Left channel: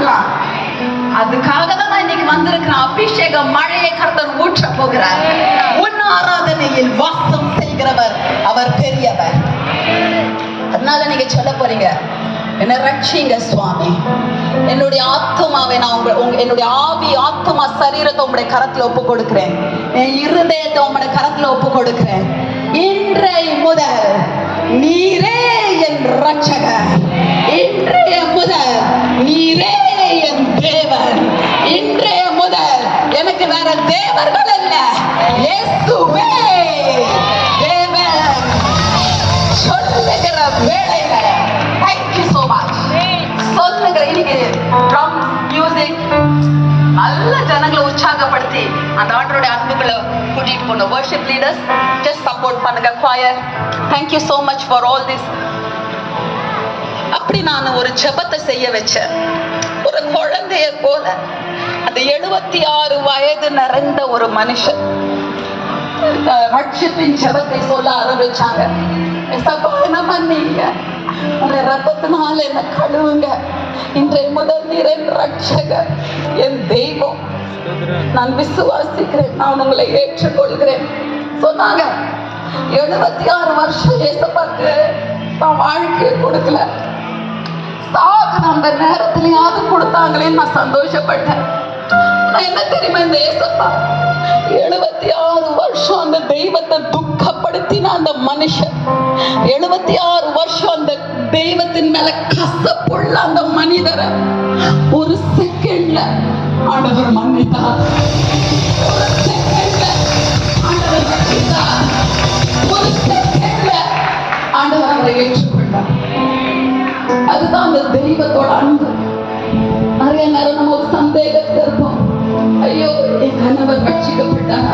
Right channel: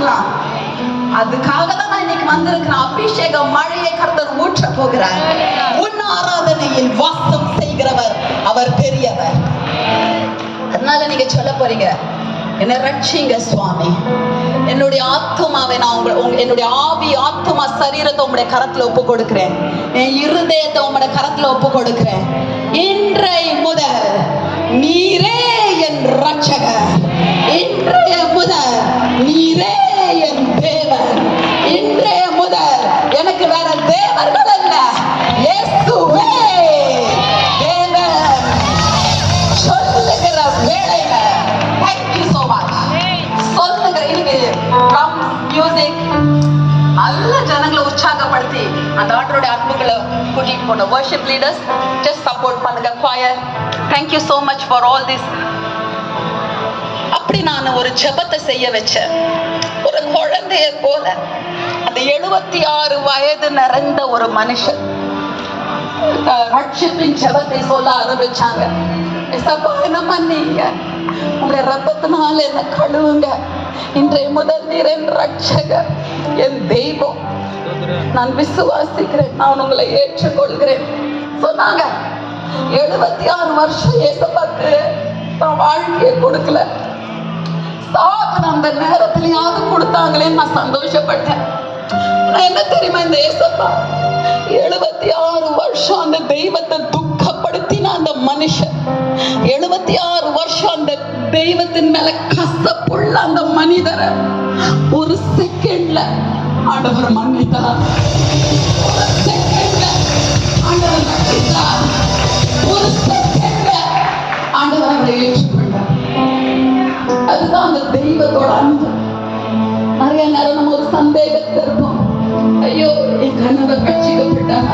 பண்ணலாம் அதுக்காக தான் இன்னைக்கு வந்திருக்கிறேன். அபிஷேக மழையை கர்த்தர் ஊற்ற போகிறார். உன் ஆராதனையில் வாசம் செய்கிறவர் அவர் பெரியவர். அதனால நீங்க சொல்ல போறீங்க என்ன ரட்சிங்க சுவாமி. என்னுடைய ஆத்மாவை நான் உங்க என்னுடைய ஆவி ஆத்மா சரீரத்தை உங்களுடைய கரத்துல ஒப்பு கொடுக்கிறேன். என் இருதயத்தை உங்களுடைய கரத்துல ஒப்பு கொடுக்கிறேன். நல்ல ஜனங்களை உற்சாகப்படுத்தி அந்த ஆண்டருடைய அன்புகளை கூட்டிட்டு போன வர்ஷிப் லீடர்ஸ் ஜஸ்ட் சப்போர்ட் பண்ணுங்க choir thank you so much for all this அப்படி நான் ஒரு ஜெபத்தை செய்ய வச்சேன். ஒரு குழந்தைய போல. அந்த எழுபத்தி ஆறு வயது நிறைந்த ஒரு மனுஷன். ரட்சிப்பின் ஜெபத்தை சொல்ல ஆரம்பிச்சாங்க. என்ன பண்ணீங்க? உங்களுடைய ரத்தத்தினால என்ன கழுவுங்க. இன்றைய முதல் நீர் என் ரட்சகர் என் தெய்வம் நான் விசுவாசிக்கிறேன் நான் உங்களை ஏற்றுக்கொள்கிறேன். சொன்னாங்க எழுபத்தி ஆறு வருஷம் ஏசப்பாக்கு நான் வாழ்க்கையை கொடுக்கல. சாகுற அந்த நேரத்திலேயாவது கொடுத்தாங்களே நான் சந்தோஷப்பட்டேன். நான் என்ன தெரியுமா இந்த ஏசப்பா எழுபத்தி ஆறு வருஷம் அந்த தெய்வத்தை துக்கப்படுத்தின அந்த மனுஷன். எழுபத்தி ஆறு வருஷம் அந்த தெய்வத்தின் மேல கசப்புள்ள அந்த மனிதரை ஒரு செகண்ட்ல ஆண்டவர் மன்னித்தார். ஆண்டவர் அவரை ஏற்றுக்கொண்டார். அதுதான் அந்த தெய்வத்தோட அன்பு. நிறைய நேரம் நம்ம சந்தேகத்தில் ஐயோ என் கணவர் ரட்சிக்கப்பட்டார்